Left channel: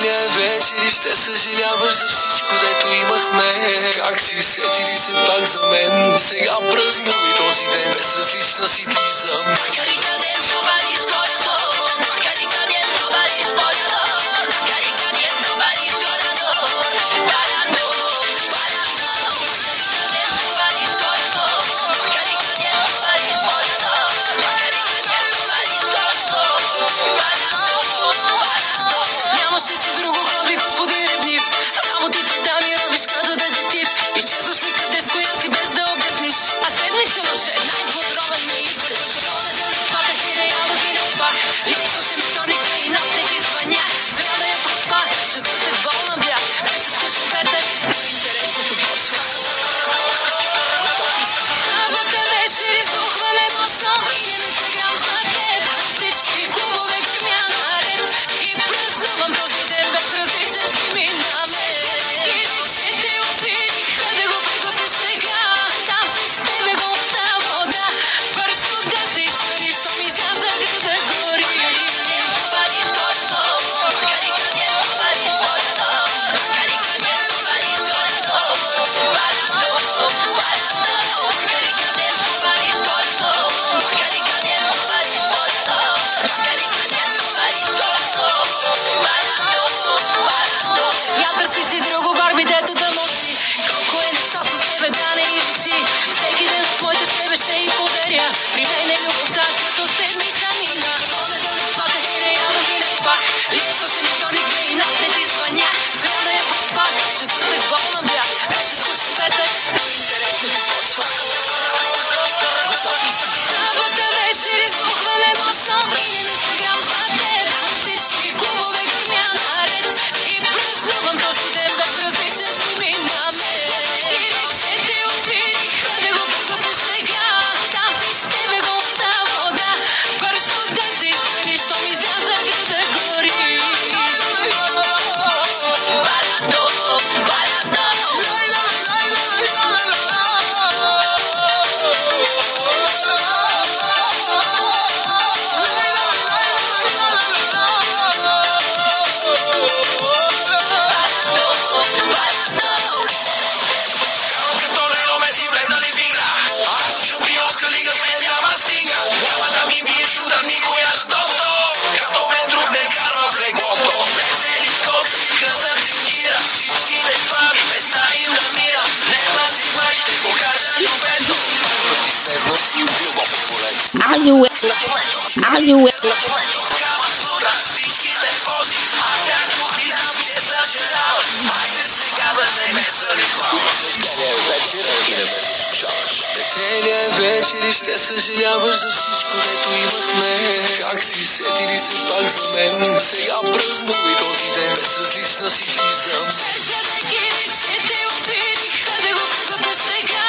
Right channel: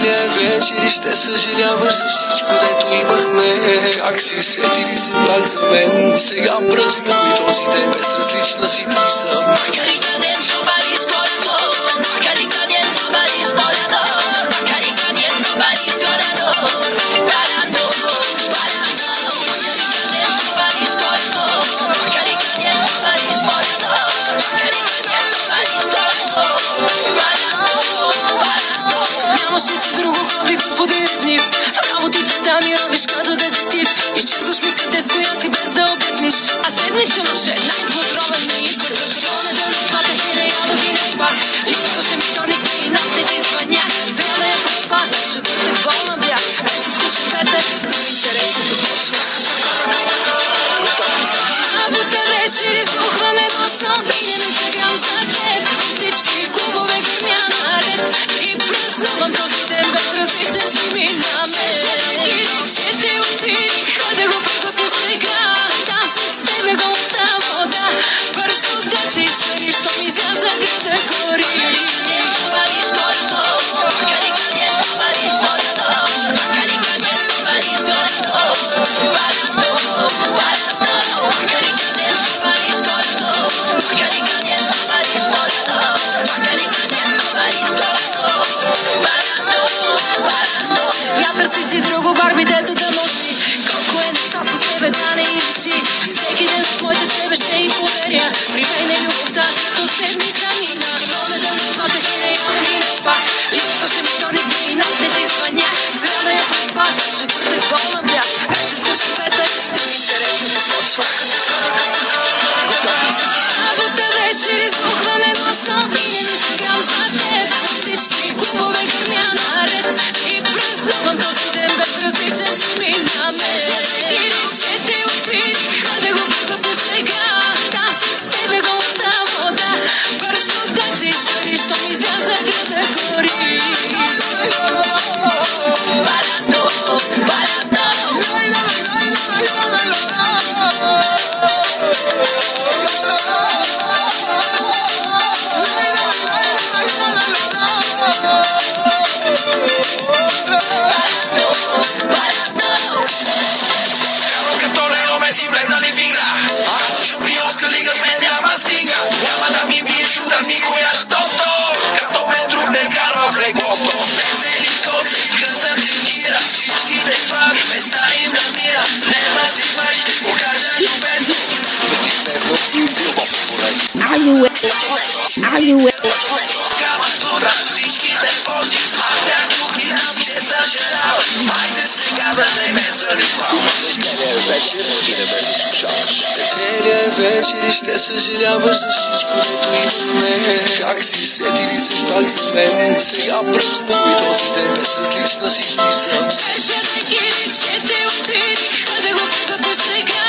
целия вечер и ще съжаляваш за всичко, дето имахме. Как си сетили се пак за мен? Сега празнувай този ден, безразлична си влизам. Нямаш ли си друго хоби, господин ревнив? Работите да ми робиш като детектив. Изчезваш ми къде с коя си без да обясниш. А седмичен отчет, най-подробен ми искаш. Понеделник платех и не ядох и не спах. Липсваше ми вторник и над те ти звънях. Сряда я проспах, четвъртък болна бях. Беше скучен петък, но интересното почва. Събота вечер избухваме мощно. Минем Инстаграм за теб. Всички клубове гърмя наред. И празнувам този ден, безразличен си ми на мен. И че те отвириха да го приготвиш сега. Там си с тебе голата вода. Бързо да се изпариш, то ми изляза града гори. Я търси си друго Барби, дето да мълчи. Колко е нещастно с тебе да не изучи. Всеки ден от моите себе ще й подаря. При мен е любовта като седмица мина. Понеделник платех и не ядох и не спах. Липсваше ми вторник и над те ти звънях. Сряда я проспах, четвъртък болна бях. Беше скучен петък, но интересното почва. Събота вечер избухваме мощно. Минем Инстаграм за теб. Всички клубове гърмя наред. И празнувам този ден, безразличен си ми на мен. И рече те отвириха да го приготвиш сега. Там си с тебе голата вода. Бързо да се изпариш, то ми изляза града гори. Като Лео Меси влегнали в игра. Аз съм шампионска лига, с мен няма стига. Няма да ми биеш удар никоя, щото като мен друг не вкарва в леглото. Влезе ли коца и късъм си мира. Всичките слаби места им намира. Нема си мъж, ще го кажа любезно. Пъти дневно, любов е полезно. Кама сутра, всичките пози. Аз тях тук и знам, че съжаляваш. Хайде сега да не ме занимаваш. Целия вечер и не ме заслушаваш. Целия вечер и ще съжаляваш за всичко, дето имахме. Как си сетили се пак за мен? Сега празнувай този ден, безразлична си влизам. Че те отвириха да го приготвиш сега.